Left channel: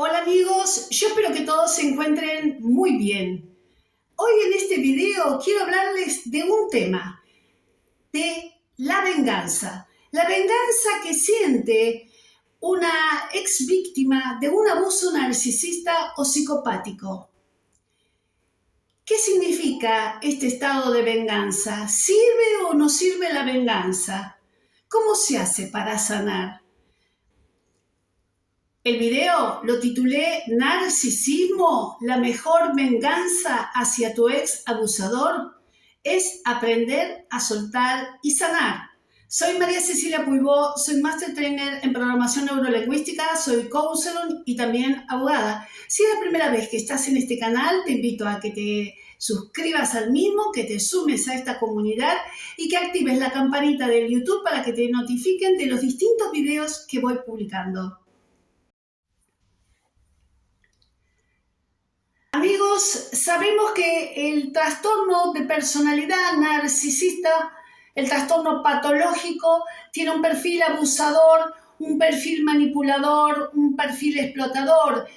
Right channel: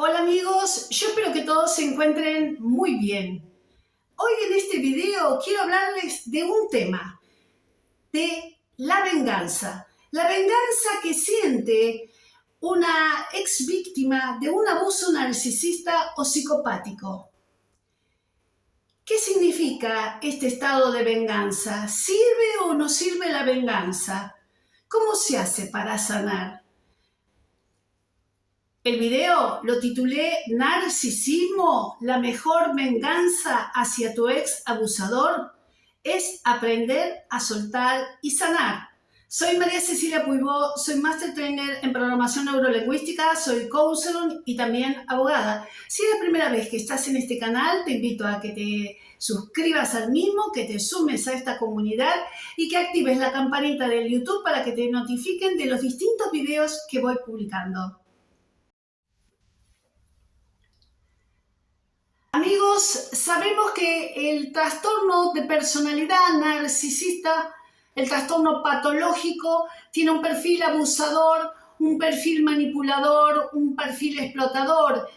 Hola amigos, yo espero que todos se encuentren muy bien. Hoy en este video quiero hablarles de un tema, de la venganza. La venganza que siente una ex víctima de un abuso narcisista o psicopático. ¿Qué significa este estado de venganza? ¿Sirve o no sirve la venganza? ¿Cómo se hace para sanar? El video lo titulé Narcisismo, la mejor venganza hacia tu ex abusador es aprender a soltar y sanar. Soy María Cecilia Puibó, soy Master Trainer en Programación Neurolingüística, soy counselor y también abogada. Si es la primera vez que estás en este canal, te invito a que te suscribas al mismo, que te sumes a esta comunidad y que actives la campanita del YouTube para que te notifiquen de los distintos videos que voy publicando. Amigos, sabemos que el trastorno de personalidad narcisista, el trastorno patológico, tiene un perfil abusador, un perfil manipulador, un perfil explotador.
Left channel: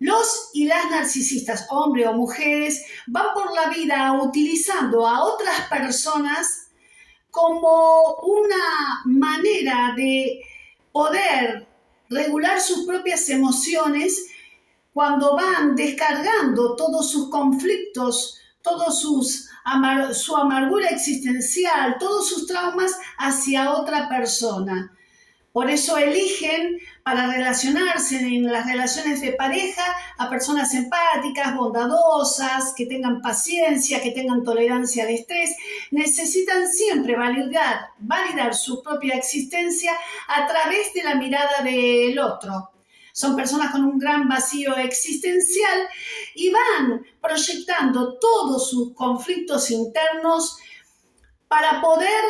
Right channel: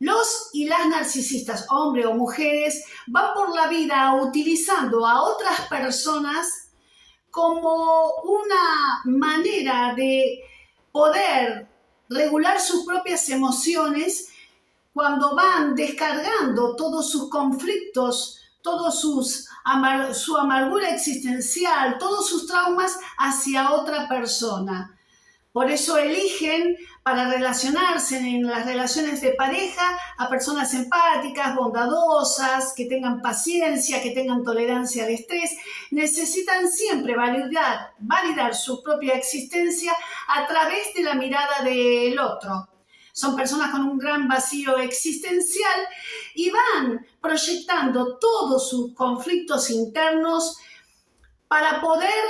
Los y las narcisistas, hombres o mujeres, van por la vida utilizando a otras personas como una manera de poder regular sus propias emociones cuando van descargando todos sus conflictos, su amargura existencial, todos sus traumas hacia otra persona. Por eso eligen para relacionarse en las relaciones de pareja a personas empáticas, bondadosas, que tengan paciencia, que tengan tolerancia al estrés. Necesitan siempre validar su propia existencia a través de la mirada del otro. Son personas con un gran vacío existencial y van proyectando todos sus conflictos internos para poder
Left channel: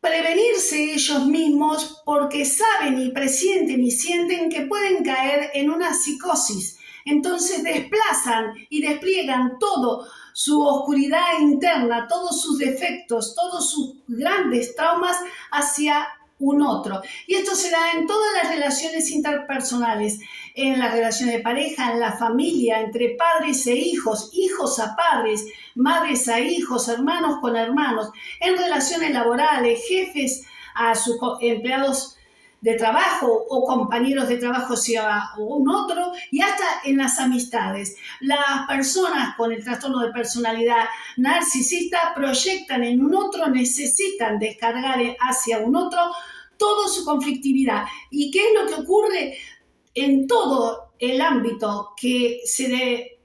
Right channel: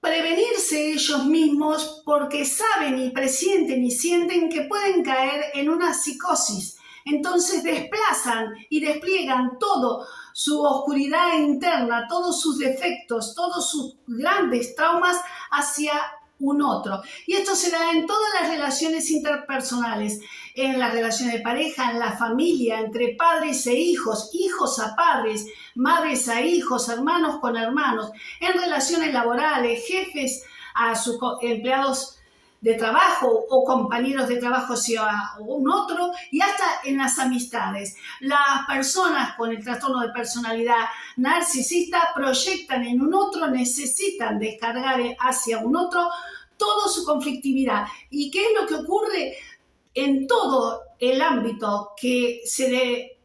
prevenirse ellos mismos porque saben y presienten y sienten que pueden caer en una psicosis. Entonces desplazan y despliegan todo su oscuridad interna, todos sus defectos, todos sus grandes traumas hacia un otro. Y esto se da en todas las relaciones interpersonales, en las relaciones de pareja, en la familia, entre padres e hijos, hijos a padres, madres a hijos, hermanos con hermanos, en relaciones laborales, jefes a sus empleados de trabajo o compañeros de trabajo hacia un otro, y hasta en las amistades. Las personas con el trastorno de personalidad narcisista proyectan en un otro, necesitan descargar hacia un otro toda su conflictividad. ¿Y qué es lo que ocurre en todo el ámbito que se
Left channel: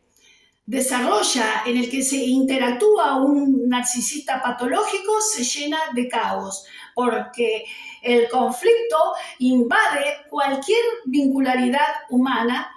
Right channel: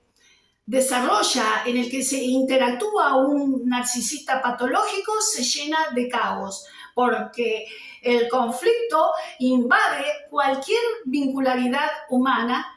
desarrolla, en el que se interactúa un narcisista patológico? Se llena de caos, porque el conflicto invade cualquier vincularidad humana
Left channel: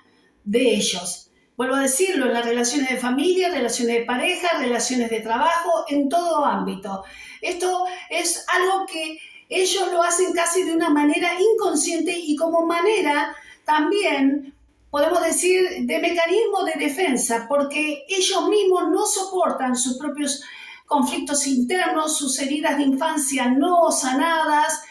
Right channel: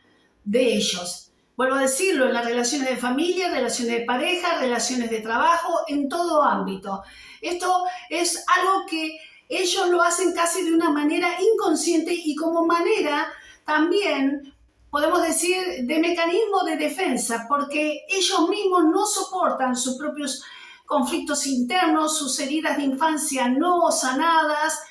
de ellos. Vuelvo a decirlo, en las relaciones de familia, relaciones de pareja, relaciones de trabajo, en todo ámbito. Esto es algo que ellos lo hacen casi de una manera inconsciente y como manera también, podemos decir, de mecanismo de defensa, porque ellos mismos no soportan sus propios conflictos internos, sus heridas de infancia no sanadas,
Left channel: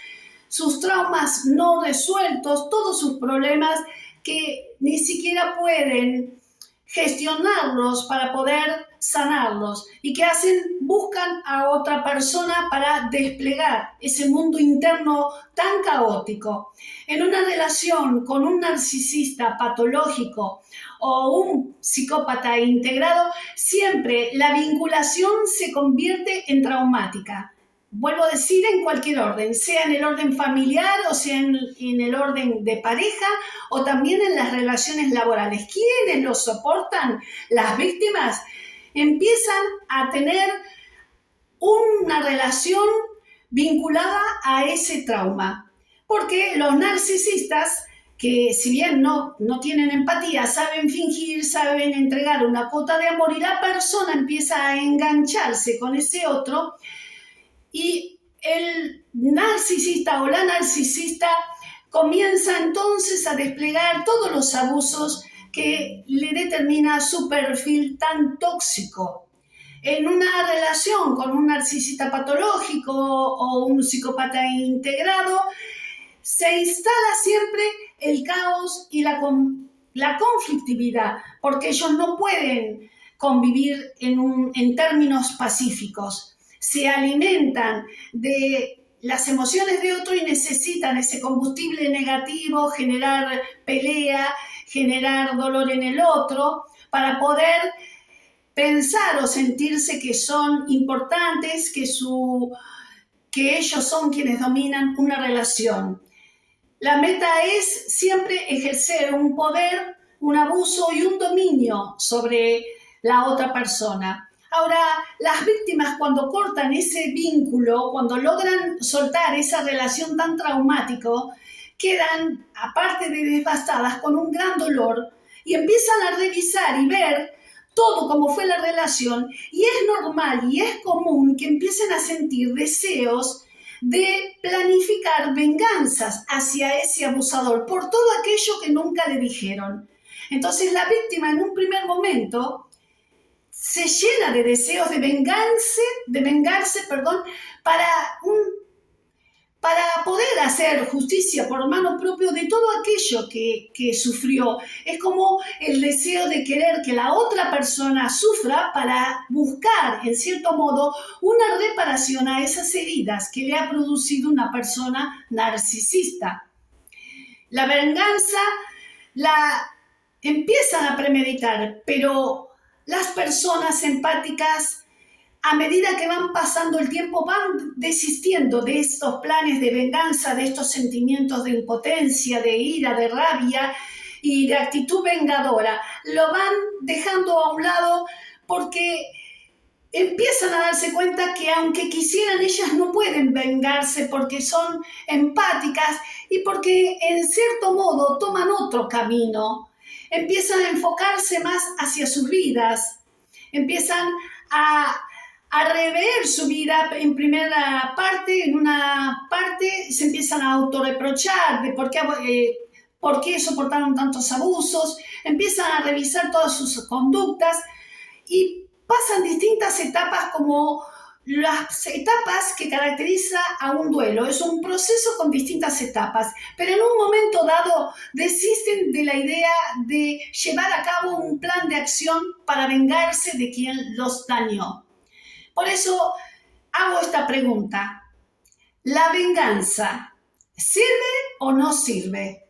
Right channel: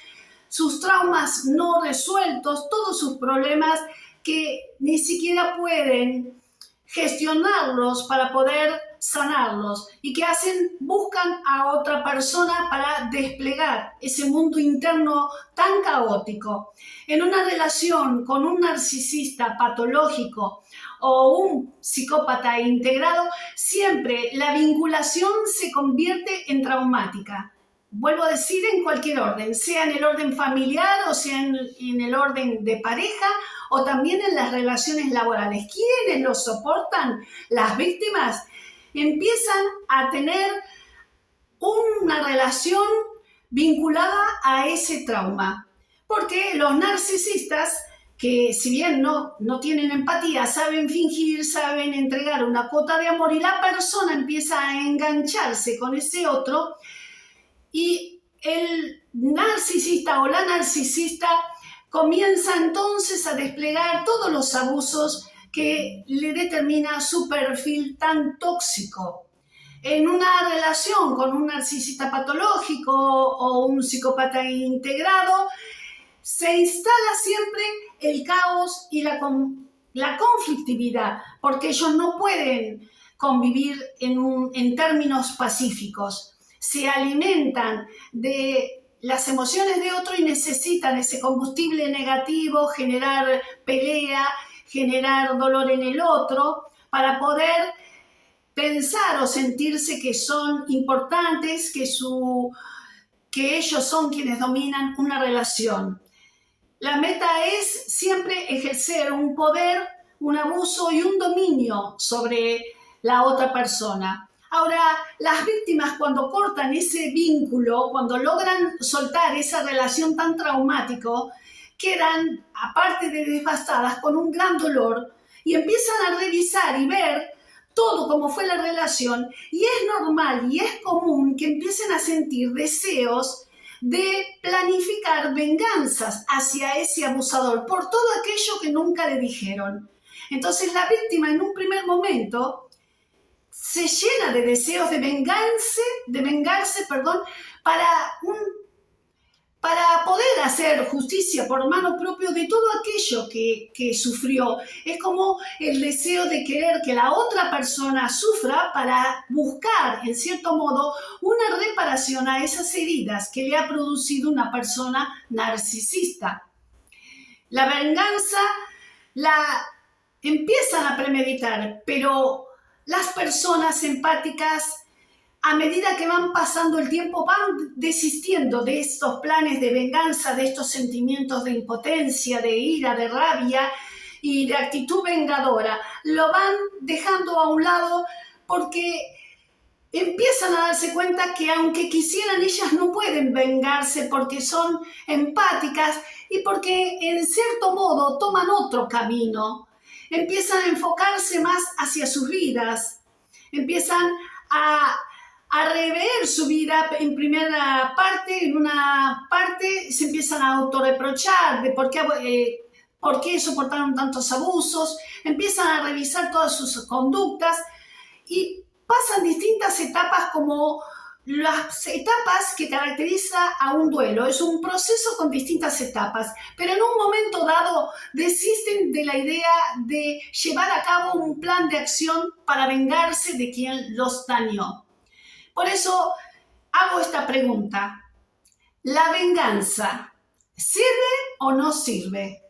sus traumas no resueltos, todos sus problemas que ni siquiera pueden gestionarlos para poder sanarlos. ¿Y qué hacen? Buscan a otra persona para desplegar ese mundo interno tan caótico. En una relación con un narcisista patológico o un psicópata integrado, siempre la vinculación se convierte en traumática. Vuelvo a decir, en cualquier orden, sea en el orden familiar o sea en el orden de pareja o también en las relaciones laborales. ¿Quiénes lo soportan? Las víctimas empiezan a tener una relación vinculada a ese trauma. Porque los narcisistas, que si bien no tienen empatía, saben fingir, saben entregar una cuota de amor y la persona empieza a engancharse con ese otro, y el narcisista o la narcisista comienza entonces a desplegar todos los abusos que le determina su perfil tan tóxico. En una relación con un narcisista patológico o un psicópata integrado, se instala siempre el caos y la la conflictividad, porque ellos no pueden convivir en términos pacíficos. Se alimentan de las emociones de otro y necesitan ese combustible negativo, generar pelea, generar dolor en el otro, para poder pensar o sentirse que son importantes, que ellos son quienes dominan una relación. La meta es siempre ejercer un poder, un abuso y un dominio sobre la otra persona. Ahora, las víctimas cuando cortan ese vínculo, cuando logran soltar esa relación tan traumática, quedan, aparte de devastadas, con un gran dolor y empiezan a revisar y ver todo cómo fue la relación, y es normal y es común que empiecen a sentir deseos de planificar venganzas hacia ese abusador por todo aquello que nunca le dijeron. Entonces la víctima en un primer momento se llena de deseos de vengarse, para poder hacer justicia por mano propia de todo aquello que sufrió. Es como el deseo de querer que la otra persona sufra para buscar, en cierto modo, una reparación a esas heridas que le ha producido una persona narcisista. La venganza la empiezan a premeditar, pero las personas empáticas, a medida que van pasando el tiempo, van desistiendo de estos planes de venganza, de estos sentimientos de impotencia, de ira, de rabia y de actitud vengadora. Lo van dejando a un lado porque empiezan a darse cuenta que aunque quisieran, ellas no pueden vengarse porque son empáticas y porque en cierto modo toman otro camino. Empiezan a enfocarse más hacia sus vidas, empiezan a rever su vida en primera parte, en una parte se empiezan a autorreprochar de por qué soportaron tantos abusos, empiezan a revisar todas sus conductas y pasan distintas etapas como las etapas que caracteriza a un duelo. Es un proceso con distintas etapas, pero en un momento dado desisten de la idea de llevar a cabo un plan de acción para vengarse de quien los dañó. Por eso hago esta pregunta: ¿la venganza sirve o no sirve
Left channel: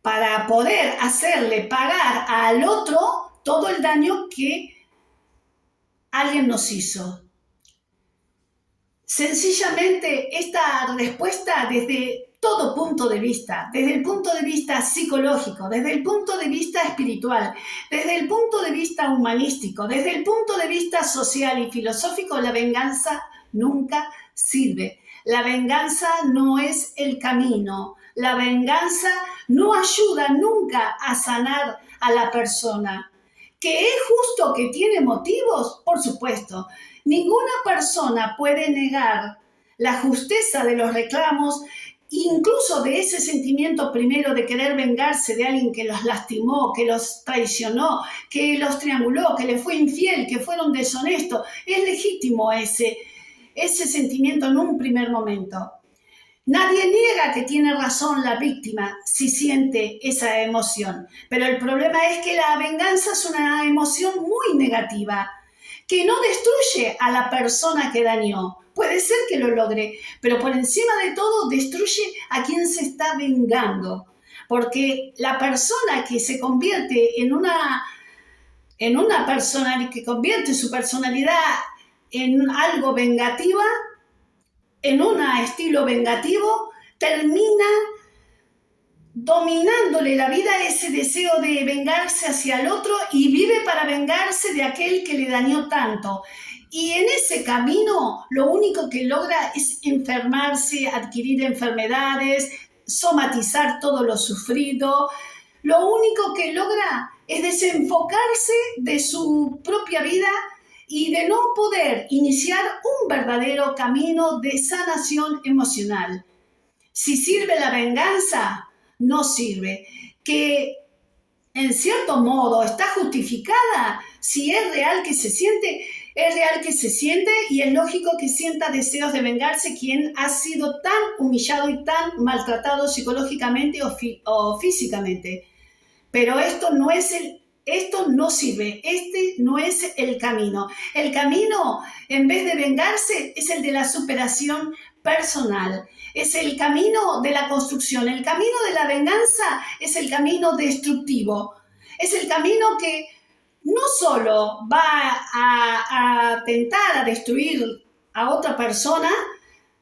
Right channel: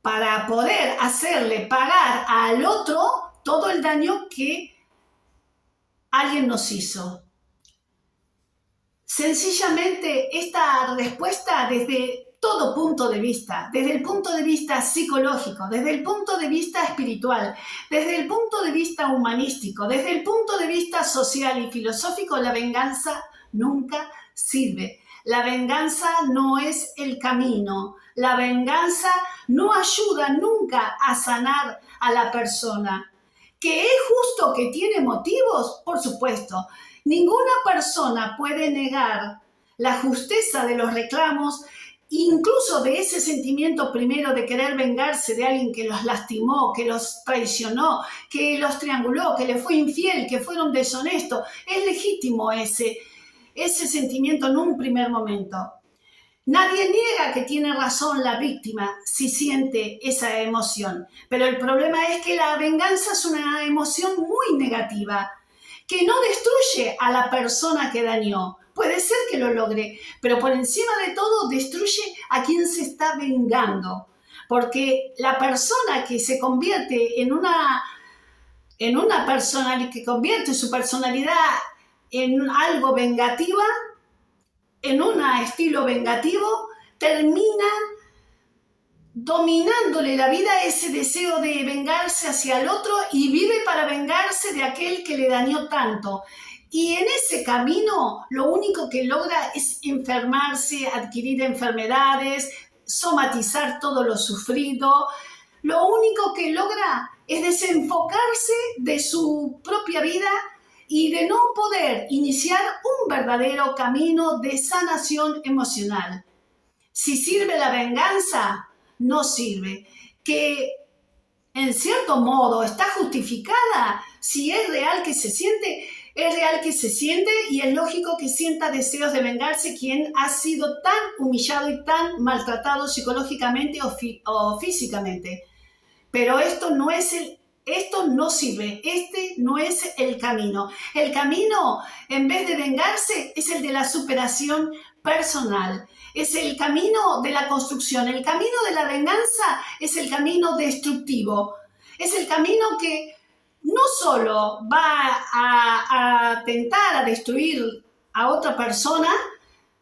para poder hacerle pagar al otro todo el daño que alguien nos hizo? Sencillamente esta respuesta desde todo punto de vista, desde el punto de vista psicológico, desde el punto de vista espiritual, desde el punto de vista humanístico, desde el punto de vista social y filosófico, la venganza nunca sirve. La venganza no es el camino. La venganza no ayuda nunca a sanar a la persona. ¿Que es justo, que tiene motivos? Por supuesto. Ninguna persona puede negar la justeza de los reclamos, incluso de ese sentimiento primero de querer vengarse de alguien que los lastimó, que los traicionó, que los trianguló, que le fue infiel, que fueron deshonestos. Es legítimo ese sentimiento en un primer momento. Nadie niega que tiene razón la víctima si siente esa emoción, pero el problema es que la venganza es una emoción muy negativa, que no destruye a la persona que dañó. Puede ser que lo logre, pero por encima de todo destruye a quien se está vengando, porque la persona que se convierte en una persona, que convierte su personalidad en algo vengativa, en un estilo vengativo, termina dominándole la vida ese deseo de vengarse hacia el otro y vive para vengarse de aquel que le dañó tanto. Y en ese camino lo único que logra es enfermarse, adquirir enfermedades, somatizar todo lo sufrido. Lo único que logra es desenfocarse de su propia vida y de no poder iniciar un verdadero camino de sanación emocional. Si sirve la venganza, no sirve. Que en cierto modo está justificada, si es real que se siente, es real que se siente, y es lógico que sienta deseos de vengarse quien ha sido tan humillado y tan maltratado psicológicamente o físicamente. Pero esto no sirve, este no es el camino. El camino, en vez de vengarse, es el de la superación personal. Es el camino de la construcción. El camino de la venganza es el camino destructivo. Es el camino que no solo va a tentar a destruir a otra persona,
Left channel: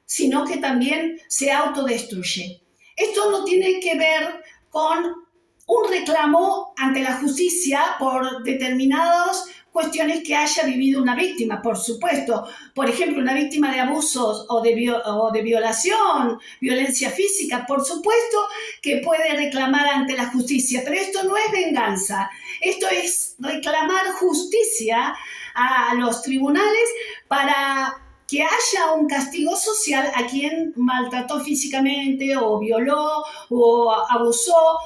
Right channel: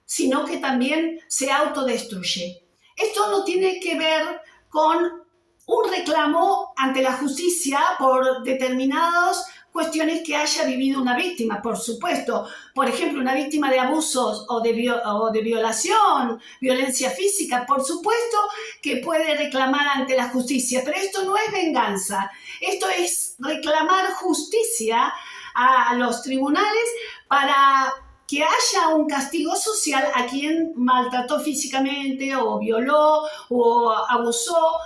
sino que también se autodestruye. Esto no tiene que ver con un reclamo ante la justicia por determinadas cuestiones que haya vivido una víctima, por supuesto. Por ejemplo, una víctima de abusos o de violación, violencia física, por supuesto que puede reclamar ante la justicia, pero esto no es venganza. Esto es reclamar justicia a los tribunales para que haya un castigo social a quien maltrató físicamente o violó o abusó.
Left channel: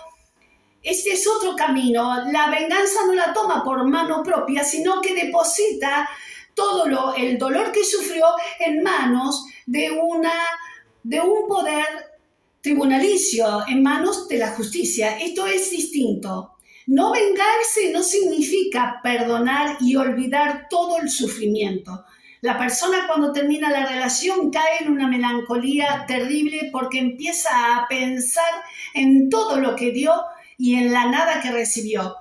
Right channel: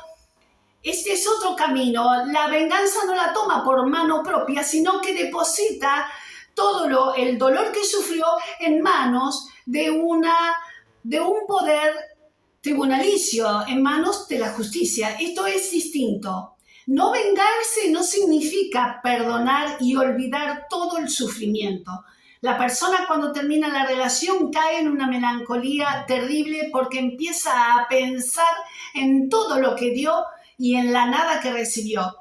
Este es otro camino. La venganza no la toma por mano propia, sino que deposita todo el dolor que sufrió en manos de un poder tribunalicio, en manos de la justicia. Esto es distinto. No vengarse no significa perdonar y olvidar todo el sufrimiento. La persona cuando termina la relación cae en una melancolía terrible porque empieza a pensar en todo lo que dio y en la nada que recibió,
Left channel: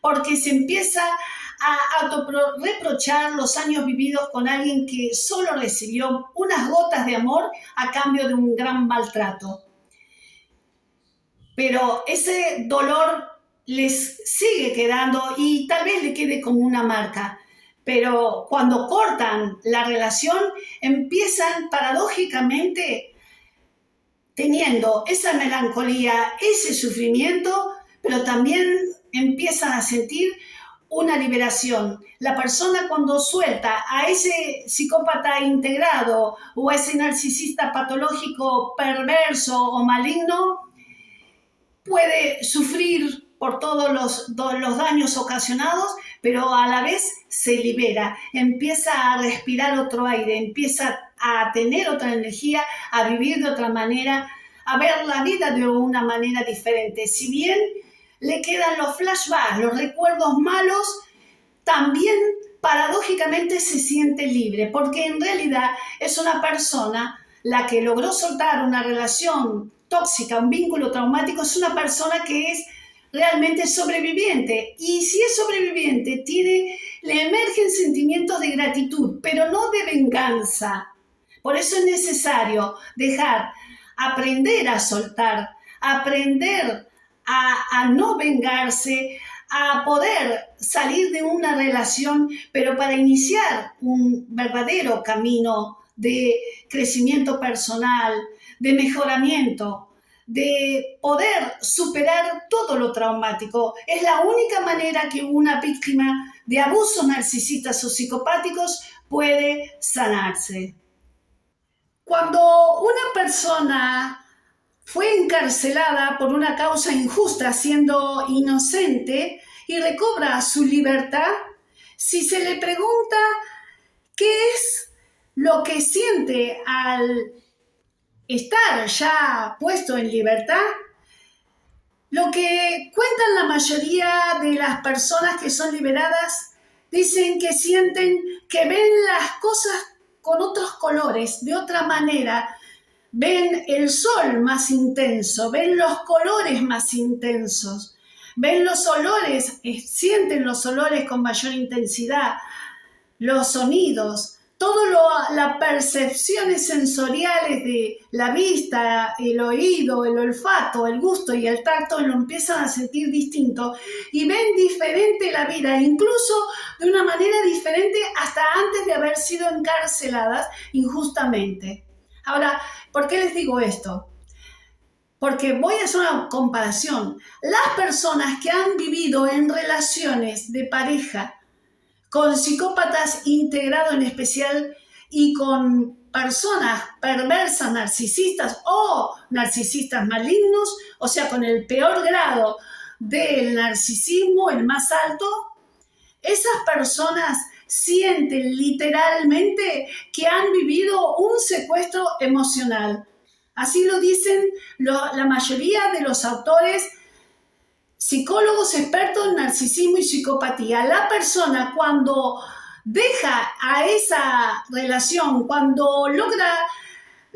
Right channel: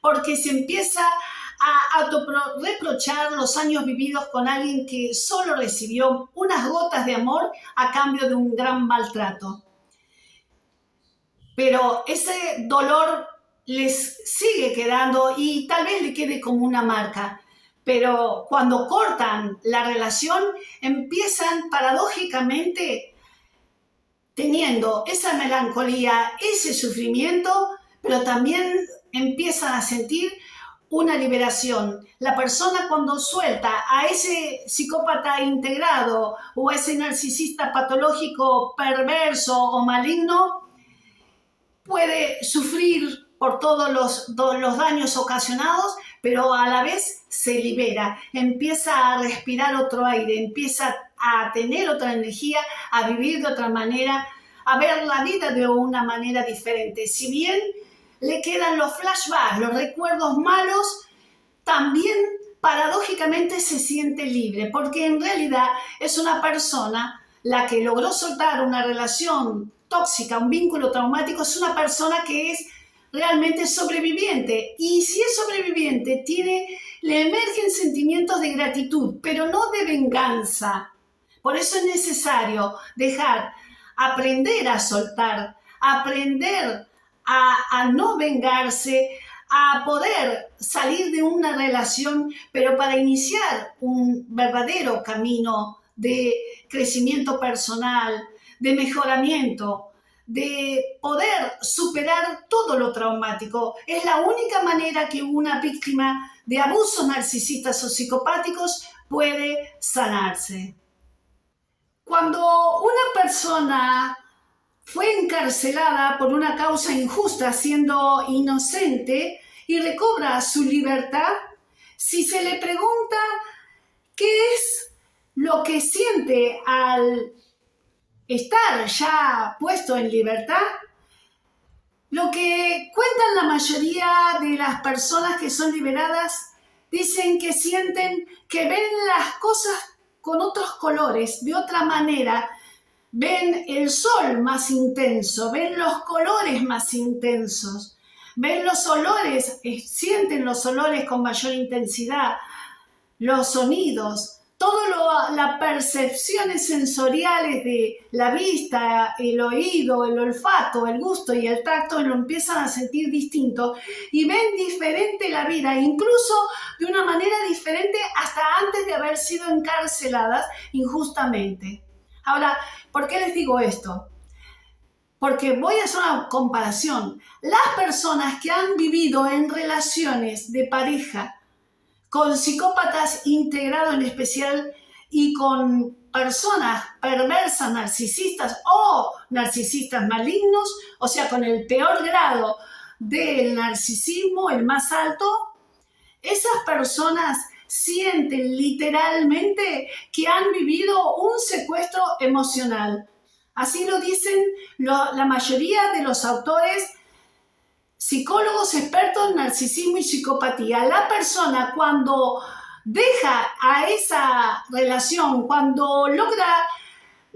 porque se empieza a autorreprochar los años vividos con alguien que solo recibió unas gotas de amor a cambio de un gran maltrato. Pero ese dolor les sigue quedando y tal vez le quede como una marca. Pero cuando cortan la relación, empiezan paradójicamente teniendo esa melancolía, ese sufrimiento, pero también empiezan a sentir una liberación. La persona cuando suelta a ese psicópata integrado o a ese narcisista patológico perverso o maligno, puede sufrir por todos los daños ocasionados, pero a la vez se libera, empieza a respirar otro aire, empieza a tener otra energía, a vivir de otra manera, a ver la vida de una manera diferente. Si bien le quedan los flashbacks, los recuerdos malos, también paradójicamente se siente libre, porque en realidad es una persona la que logró soltar una relación tóxica, un vínculo traumático, es una persona que es realmente sobreviviente. Y si es sobreviviente, le emergen sentimientos de gratitud, pero no de venganza. Por eso es necesario aprender a soltar, aprender a no vengarse, a poder salir de una relación, pero para iniciar un verdadero camino de crecimiento personal, de mejoramiento, de poder superar todo lo traumático. Es la única manera que una víctima de abusos narcisistas o psicopáticos puede sanarse. Cuando una persona fue encarcelada por una causa injusta siendo inocente y recobra su libertad, si se le pregunta qué es lo que siente al estar ya puesto en libertad, lo que cuentan la mayoría de las personas que son liberadas, dicen que sienten que ven las cosas con otros colores, de otra manera. Ven el sol más intenso, ven los colores más intensos, ven los olores, sienten los olores con mayor intensidad, los sonidos, las percepciones sensoriales de la vista, el oído, el olfato, el gusto y el tacto lo empiezan a sentir distinto y ven diferente la vida, incluso de una manera diferente hasta antes de haber sido encarceladas injustamente. Ahora, ¿por qué les digo esto? Porque voy a hacer una comparación. Las personas que han vivido en relaciones de pareja con psicópatas integrados en especial y con personas perversas, narcisistas o narcisistas malignos, o sea, con el peor grado del narcisismo, el más alto, esas personas sienten literalmente que han vivido un secuestro emocional. Así lo dicen la mayoría de los autores. psicólogos expertos en narcisismo y psicopatía. La persona cuando deja a esa relación, cuando logra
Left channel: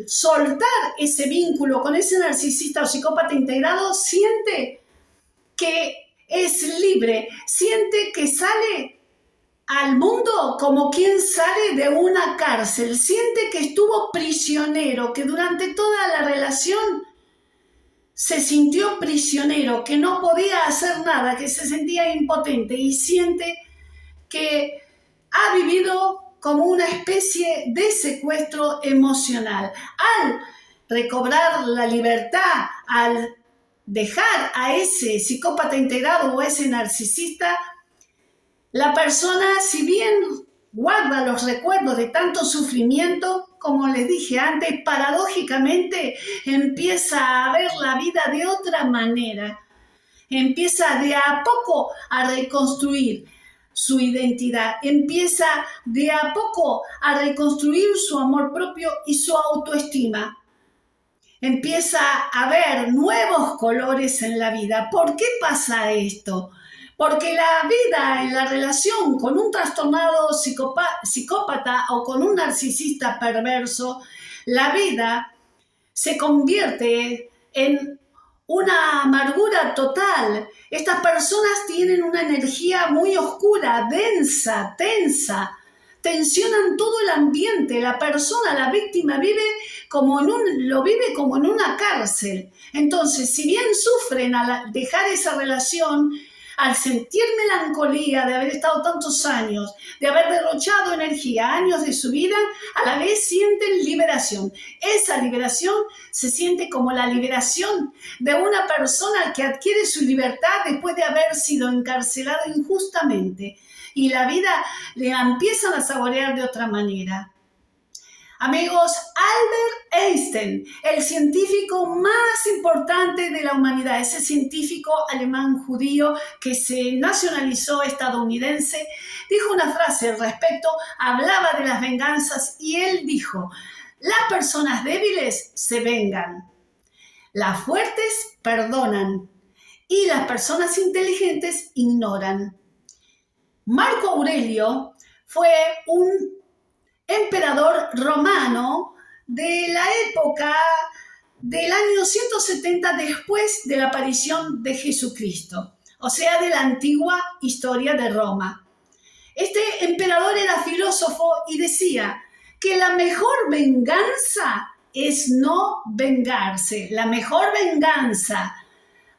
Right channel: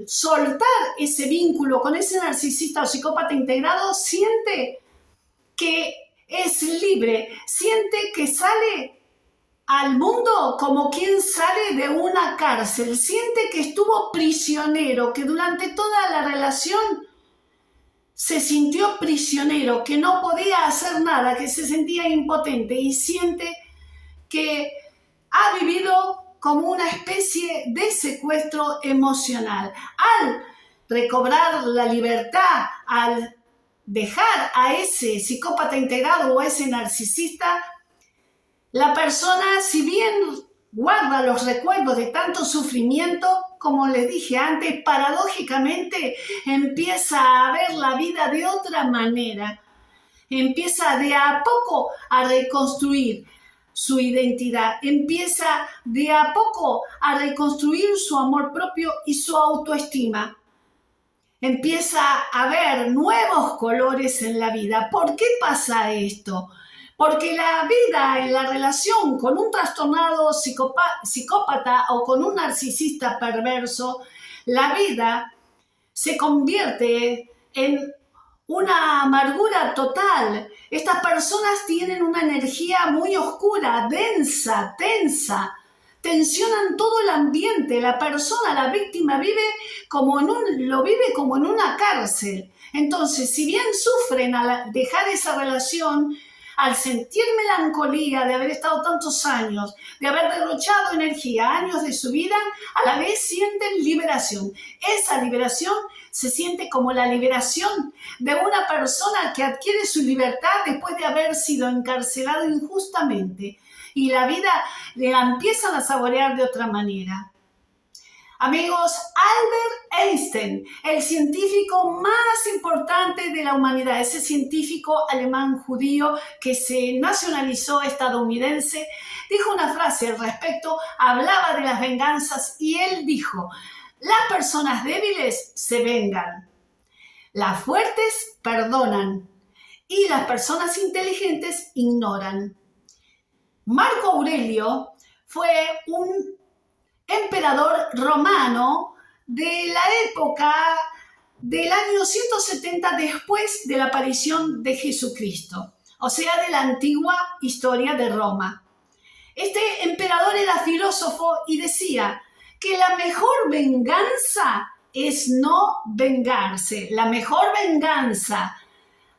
soltar ese vínculo con ese narcisista o psicópata integrado, siente que es libre, siente que sale al mundo como quien sale de una cárcel, siente que estuvo prisionero, que durante toda la relación se sintió prisionero, que no podía hacer nada, que se sentía impotente y siente que ha vivido como una especie de secuestro emocional. Al recobrar la libertad, al dejar a ese psicópata integrado o a ese narcisista, la persona, si bien guarda los recuerdos de tanto sufrimiento, como les dije antes, paradójicamente empieza a ver la vida de otra manera. Empieza de a poco a reconstruir su identidad, empieza de a poco a reconstruir su amor propio y su autoestima. Empieza a ver nuevos colores en la vida. ¿Por qué pasa esto? Porque la vida en la relación con un trastornado psicópata o con un narcisista perverso, la vida se convierte en una amargura total. Estas personas tienen una energía muy oscura, densa, tensa, tensionan todo el ambiente. La persona, la víctima, lo vive como en una cárcel. Entonces, si bien sufren al dejar esa relación, al sentir melancolía de haber estado tantos años, de haber derrochado energía, años de su vida, a la vez sienten liberación. Esa liberación se siente como la liberación de una persona que adquiere su libertad después de haber sido encarcelado injustamente. Y la vida la empiezan a saborear de otra manera. Amigos, Albert Einstein, el científico más importante de la humanidad, ese científico alemán judío que se nacionalizó estadounidense, dijo una frase al respecto, hablaba de las venganzas y él dijo: las personas débiles se vengan, las fuertes perdonan y las personas inteligentes ignoran. Marco Aurelio fue un emperador romano de la época del año 170 después de la aparición de Jesucristo, o sea, de la antigua historia de Roma. Este emperador era filósofo y decía que la mejor venganza es no vengarse. La mejor venganza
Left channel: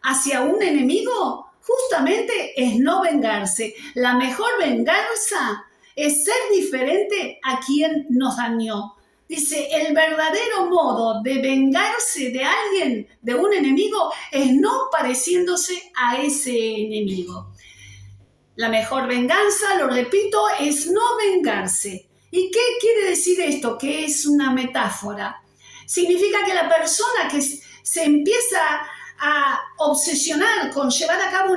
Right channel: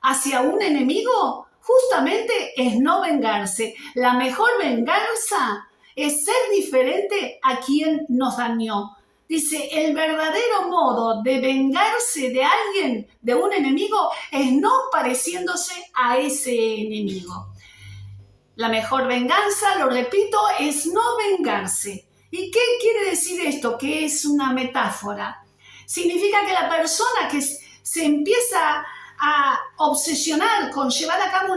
hacia un enemigo justamente es no vengarse. La mejor venganza es ser diferente a quien nos dañó. Dice, el verdadero modo de vengarse de alguien, de un enemigo, es no pareciéndose a ese enemigo. La mejor venganza, lo repito, es no vengarse. ¿Y qué quiere decir esto? Que es una metáfora. Significa que la persona que se empieza a obsesionar con llevar a cabo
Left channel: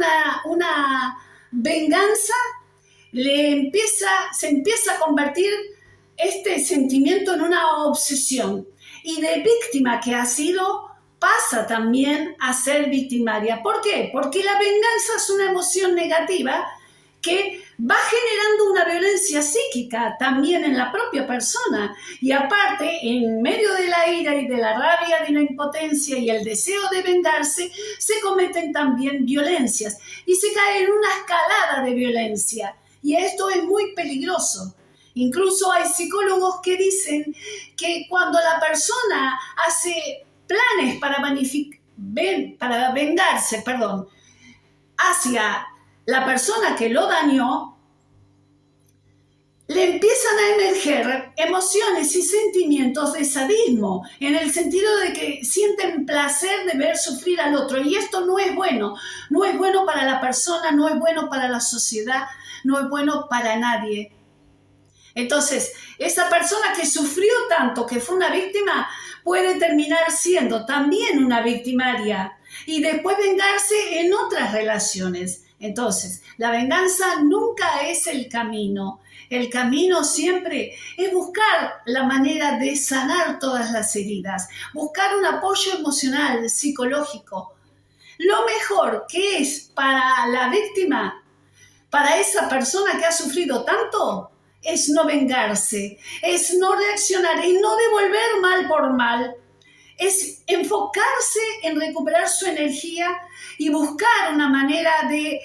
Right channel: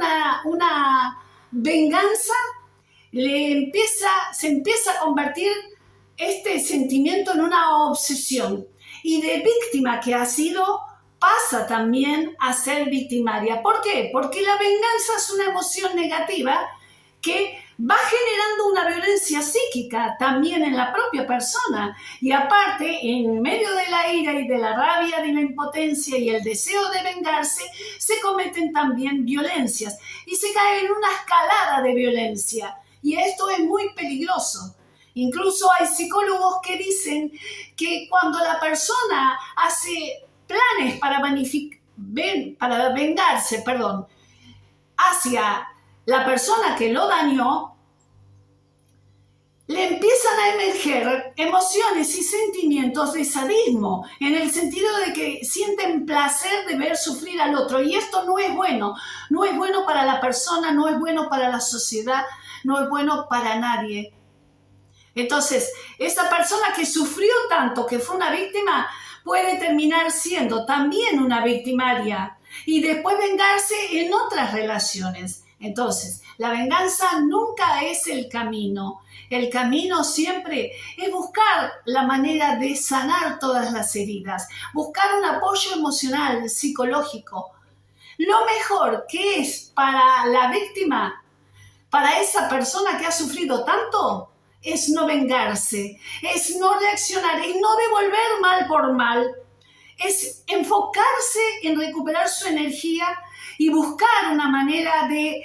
una venganza, se empieza a convertir este sentimiento en una obsesión. Y de víctima que ha sido, pasa también a ser victimaria. ¿Por qué? Porque la venganza es una emoción negativa que va generando una violencia psíquica también en la propia persona. Y aparte, en medio de la ira y de la rabia, de la impotencia y el deseo de vengarse, se cometen también violencias y se cae en una escalada de violencia. Y esto es muy peligroso. Incluso hay psicólogos que dicen que cuando la persona hace planes para vengarse, hacia la persona que lo dañó, le empiezan a emerger emociones y sentimientos de sadismo, en el sentido de que sienten placer de ver sufrir al otro. Y esto no es bueno. No es bueno para la persona, no es bueno para la sociedad, no es bueno para nadie. Entonces, esa persona que sufrió tanto, que fue una víctima, puede terminar siendo también una victimaria y después vengarse en otras relaciones. Entonces, la venganza nunca es el camino. El camino siempre es buscar la manera de sanar todas las heridas, buscar un apoyo emocional, psicológico. lo mejor que es para la víctima, para esa persona que ha sufrido tanto, es no vengarse, es no reaccionar y no devolver mal por mal. Es enfocarse en recuperar su energía y buscar una manera de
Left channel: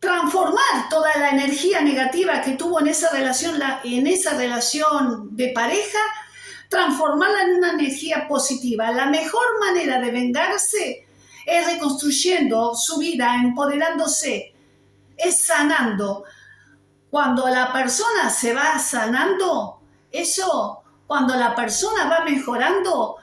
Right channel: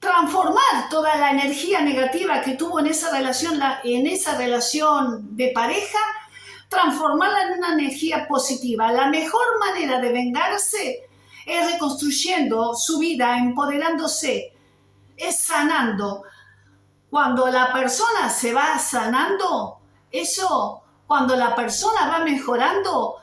transformar toda la energía negativa que tuvo en esa relación de pareja, transformarla en una energía positiva. La mejor manera de vengarse es reconstruyendo su vida, empoderándose, es sanando. Cuando la persona se va sanando, cuando la persona va mejorando,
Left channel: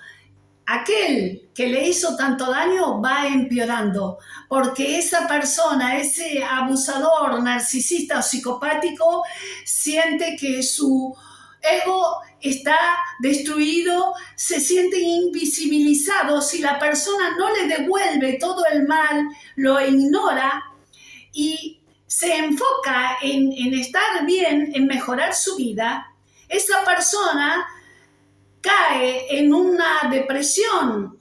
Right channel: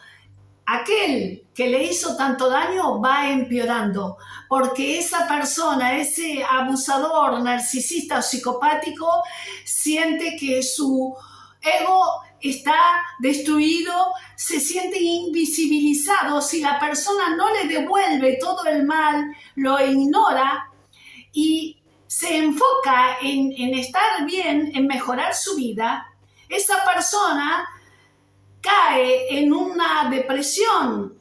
aquel que le hizo tanto daño va empeorando, porque esa persona, ese abusador, narcisista o psicopático, siente que su ego está destruido, se siente invisibilizado. Si la persona no le devuelve todo el mal, lo ignora y se enfoca en estar bien, en mejorar su vida, esa persona cae en una depresión,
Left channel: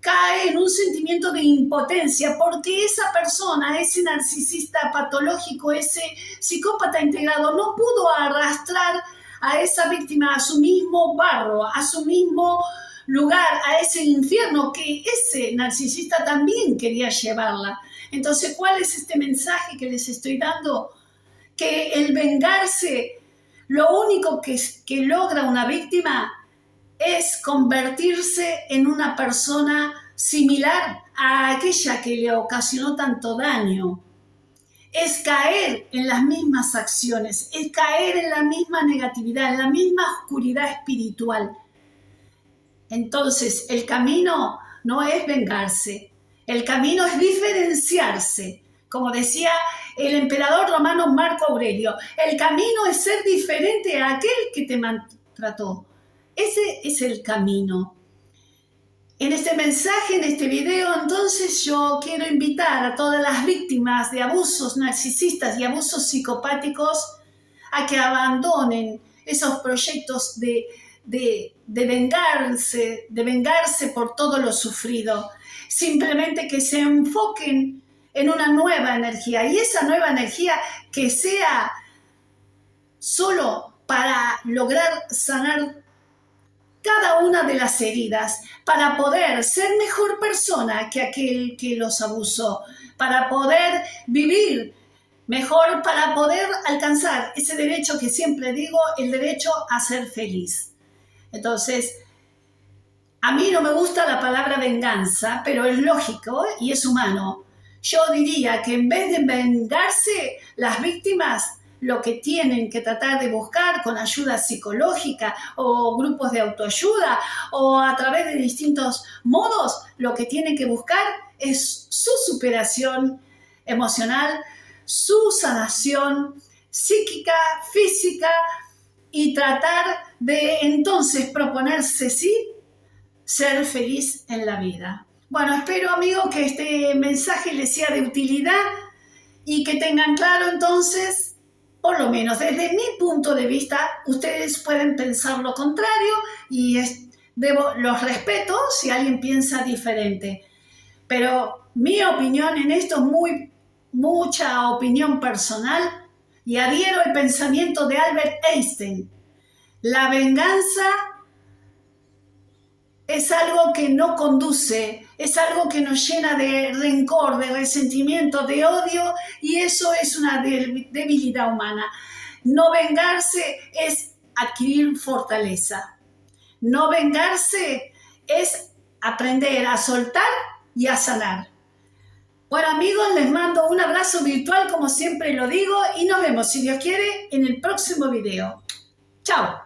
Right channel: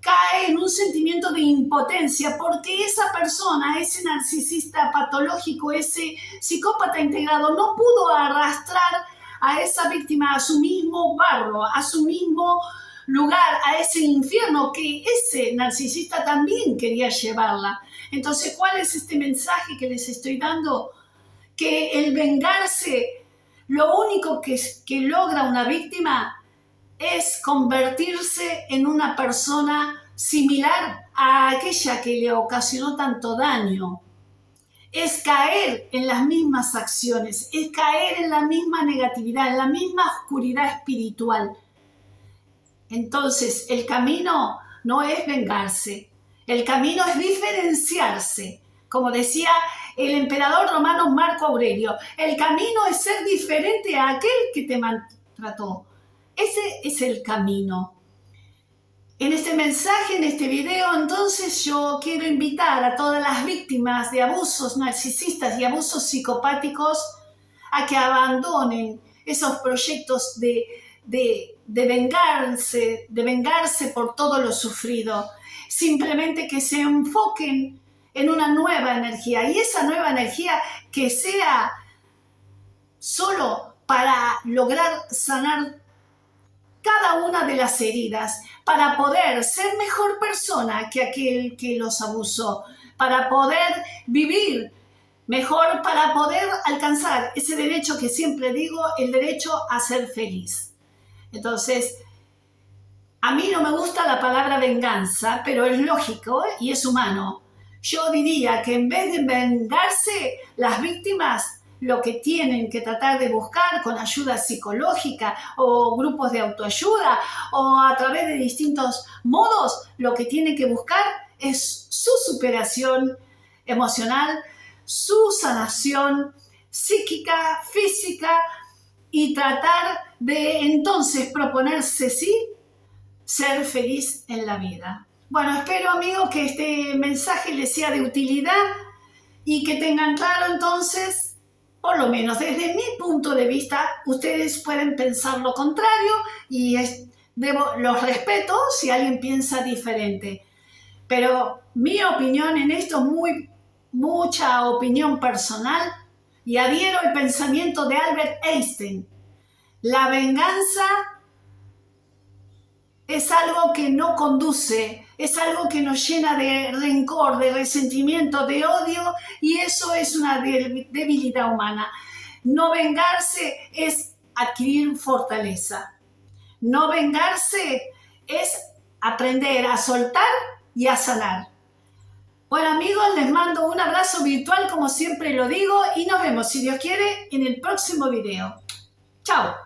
cae en un sentimiento de impotencia, porque esa persona, ese narcisista patológico, ese psicópata integrado, no pudo arrastrar a esa víctima a su mismo barro, a su mismo lugar, a ese infierno que ese narcisista también quería llevarla. Entonces, ¿cuál es este mensaje que les estoy dando? Que el vengarse, lo único que logra una víctima es convertirse en una persona similar a aquella que le ocasionó tanto daño. Es caer en las mismas acciones, es caer en la misma negatividad, en la misma oscuridad espiritual. Entonces, el camino no es vengarse, el camino es diferenciarse. Como decía el emperador romano Marco Aurelio, el camino es ser diferente a aquel que te maltrató. Ese es el camino. En este mensaje, en este video, entonces yo quiero invitar a todas las víctimas de abusos narcisistas y abusos psicopáticos a que abandonen esos proyectos de vengarse por todo lo sufrido. Simplemente que se enfoquen en una nueva energía, y esa nueva energía que sea solo para lograr sanar cada una de las heridas, para poder ser mejor persona que aquel que los abusó, para poder vivir mejor, para poder alcanzar ese derecho que siempre digo, el derecho a ser feliz. Entonces, a mí no me gusta la palabra venganza, pero es lógico y es humano. Yo diría que en vez de vengarse, las víctimas lo que tienen que tratar de buscar con ayuda psicológica o grupos de autoayuda o a través de distintos modos, lo que tienen que buscar es su superación emocional, su sanación psíquica, física, y tratar de entonces proponerse, sí, ser feliz en la vida. Bueno, espero, amigos, que este mensaje les sea de utilidad y que tengan claro entonces, por lo menos desde mi punto de vista, ustedes pueden pensar lo contrario y los respeto si alguien piensa diferente. Pero mi opinión en esto es mucha opinión personal y adhiero al pensamiento de Albert Einstein. La venganza es algo que no conduce, es algo que nos llena de rencor, de resentimiento, de odio, y eso es una debilidad humana. No vengarse es adquirir fortaleza. No vengarse es aprender a soltar y a sanar. Bueno, amigos, les mando un abrazo virtual, como siempre lo digo, y nos vemos, si Dios quiere, en el próximo video. Chao.